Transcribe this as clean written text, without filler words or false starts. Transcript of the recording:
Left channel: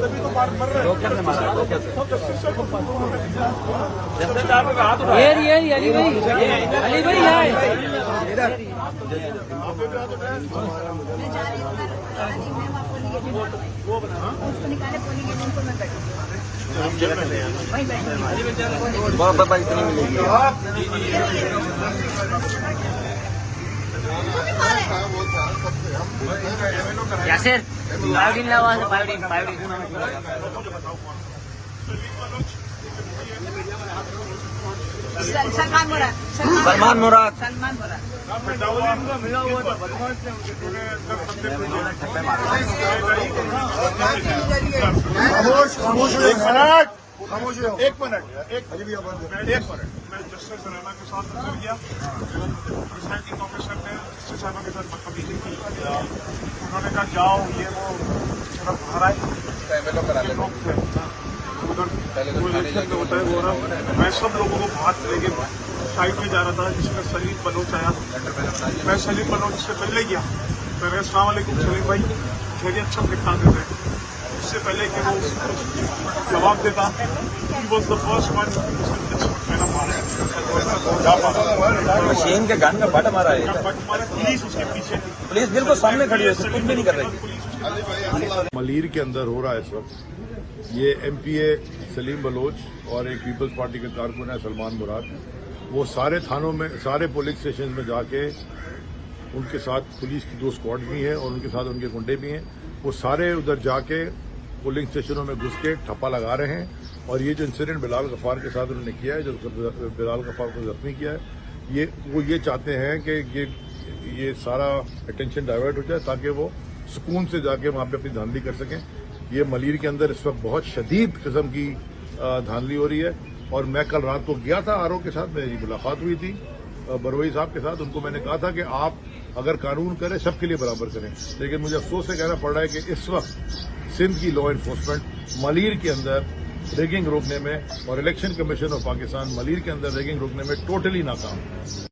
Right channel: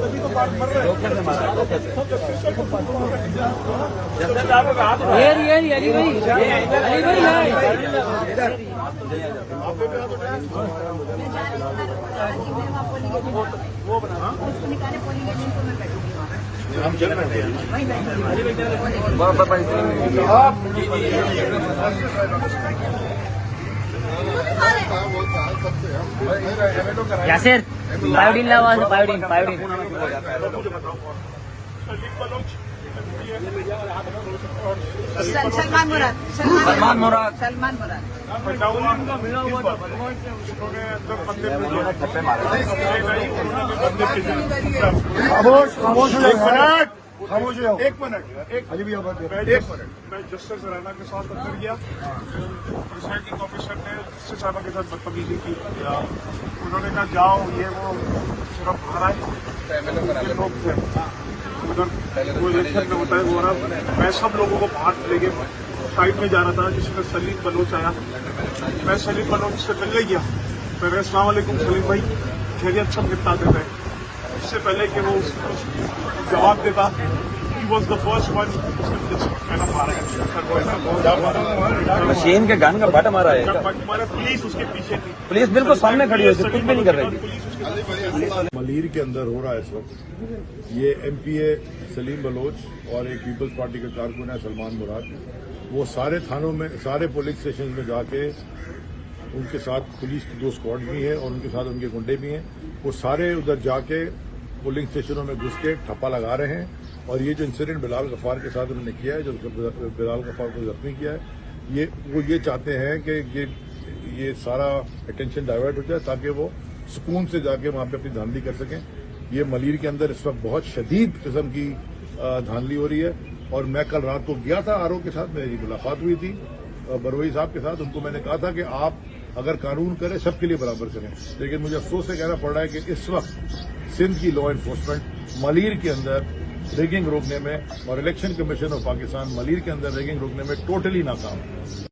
तभी तो मर रहे डॉक्टर से मारा है, डॉक्टर से। ये अली भाई यासिर बायोडीन लगा बायोडीन सलमान मुराद एक मिनट मैं जस्टिस राणा के साथ अंदर गया, प्रिसाइडिंग ऑफिसर ने जस्टिस साहब के साथ बदतमीजी की। उन्होंने कहा जाओ ये वो सिर्फ बाहर आए उधर वो इलेक्शन में बताया हो रहा। मैं सब लोगों को बाहर लेके साइड में जा रहा था, जिसमें सलीम बलोच आया। मैं सलीम बलोच से पहले गया, फिर अस्सलाम वालेकुम सलीम भाई, खैरियत सब निपटा देते हैं। उससे पहले कि वो जवाब देता, he was the first one Shane के गान का बट मारा है। हमारे पुलिस उसके पीछे थी, पुलिस बिल्कुल सामने खड़ी है, कुछ भी नहीं कर रही। मलीर के अंदर हो रहा है इस वक्त। ये एमपीए सलीम बलोच और एक पीपल्स पार्टी के कारकुन है सलमान मुराद, वो सारे थानों में, सारे पुलिस स्टेशन में जाके, उनके साथ पुलिस की 2 स्क्वाड भी हैं और उनके साथ उनके गुंडे भी हैं, वो सारे उधर जाके पोलिंग स्टेशनों में घुस के ठप्पा लगा रहे हैं। और ये जो इंसिडेंट बिलाल गफ्फार के साथ उन्होंने किया है, जो बिलाल गफ्फार को जख्मी किया है, वो ये चाहते हैं कि ये सारा अटेंशन डाइवर्ट हो जाए ताकि वो सुकून से जाके वहां पे अपनी धांधली कर सकें। ये मलीर के अंदर इस वक्त बहुत शदीद किस्म की धांधली हो रही है। और मैं कल रात को गया था आरओ के साथ, मेरी मुलाकात हुई थी बरवई साहब के साथ। उनको मैंने कहा था कि आप अगर कानून करें सबके लिए बराबर करें, लेकिन मुझे अफसोस से कहना पड़ रहा है कि इस वक्त सिंध की लॉ एनफोर्समेंट मलीर के अंदर रैगिंग रोकने में और election commission of Pakistan Malir के अंदर रैगिंग रोकने में टोटली नाकाम है।